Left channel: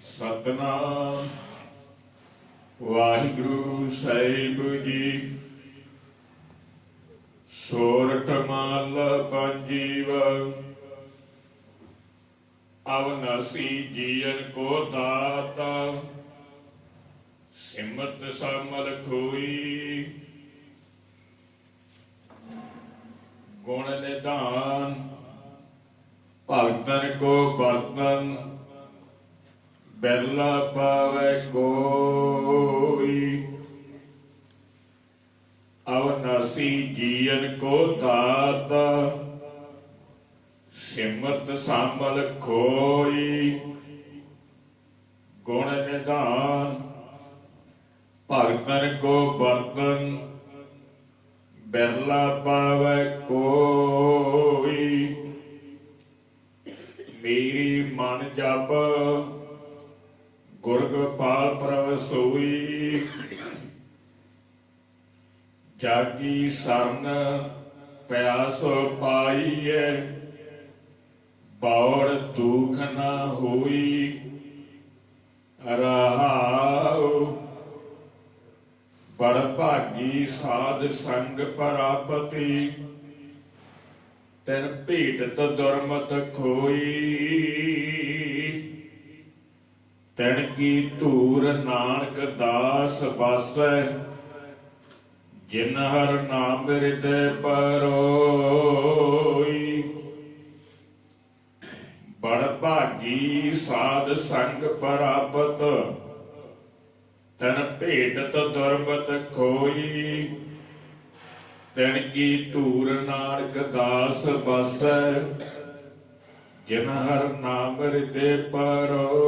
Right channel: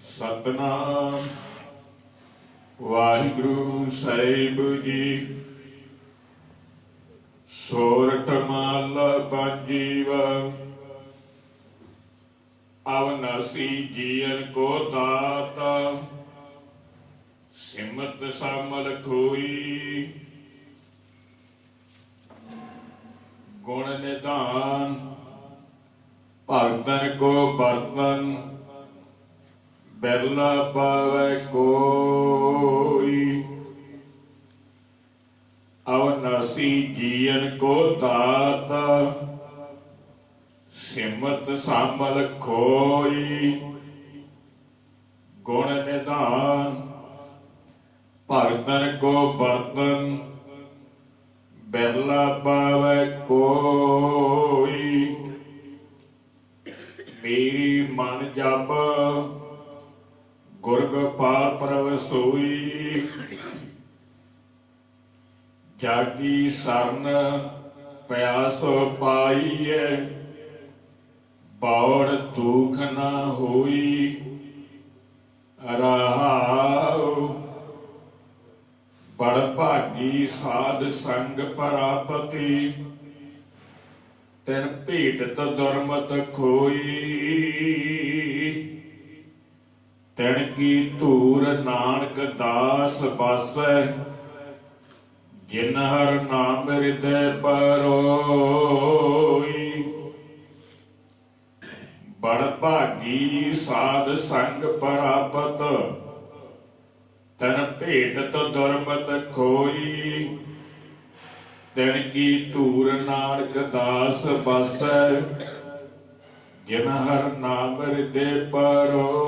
ਸਤਨਾਮ। ਵਾਹਿਗੁਰੂ ਸਾਹਿਬ ਜੀ। ਸੋਰਠ ਮਹੱਲਾ ਪੰਜੀਵਾ। ਅਵਨਾਸੀ ਜੀਵਨ ਕੋ ਦਾਤਾ। ਸਿਮਤ ਸਮਲ ਖੋਈ। ਗੁਣ ਨਿਧਾਨ। ਭਗਤਨ ਕੋ ਬਰਤਨ ਬਿਰਲਾ ਪਾਵੇ ਕੋਈ। ਅਵਨਾਸੀ ਜੀਵਨ ਕੋ ਦਾਤਾ, ਸਿਮਤ ਸਾਮਲ ਖੋਈ। ਗੁਣ ਨਿਧਾਨ, ਭਗਤਨ ਕੋ ਬਰਤਨ ਬਿਰਲਾ ਪਾਵੇ ਕੋਈ। ਮੇਰੀ ਮਨ ਜਪ ਗੁਰਗਪਾ ਪ੍ਰਭ ਸੋਈ। ਜਾਗੀ ਸਰਨ ਪਿਆਸ ਪਾਈਐ, ਬੌੜ ਦੁਖ ਨਾ ਹੋਈ। ਰਹਾਉ ਬੜ ਭਾਗੀ ਸਾਧ ਸੰਗ ਪ੍ਰਾਪਤੀ, ਤਿਨ ਭੇਟਤ ਦੁਰਮਤ ਖੋਈ। ਤਿਨ ਕੀ ਧੂਰ ਨਾਨਕ ਦਾਸ ਬਸੈ ਜਿਨ ਹਰ ਨਾਮ ਹਿਰਦੈ ਪਰੋਈ। ਬੜ ਭਾਗੀ ਸਾਧ ਸੰਗ ਪ੍ਰਾਪਤ, ਤਨ ਭੇਟਤ ਦੁਰਮਤ ਖੋਈ। ਤਿਨ ਕੀ ਧੂਰ ਨਾਨਕ ਦਾਸ ਬਸੈ ਜਿਨ ਹਰ ਨਾਮ ਹਿਰਦੇ ਪਰੋਈ।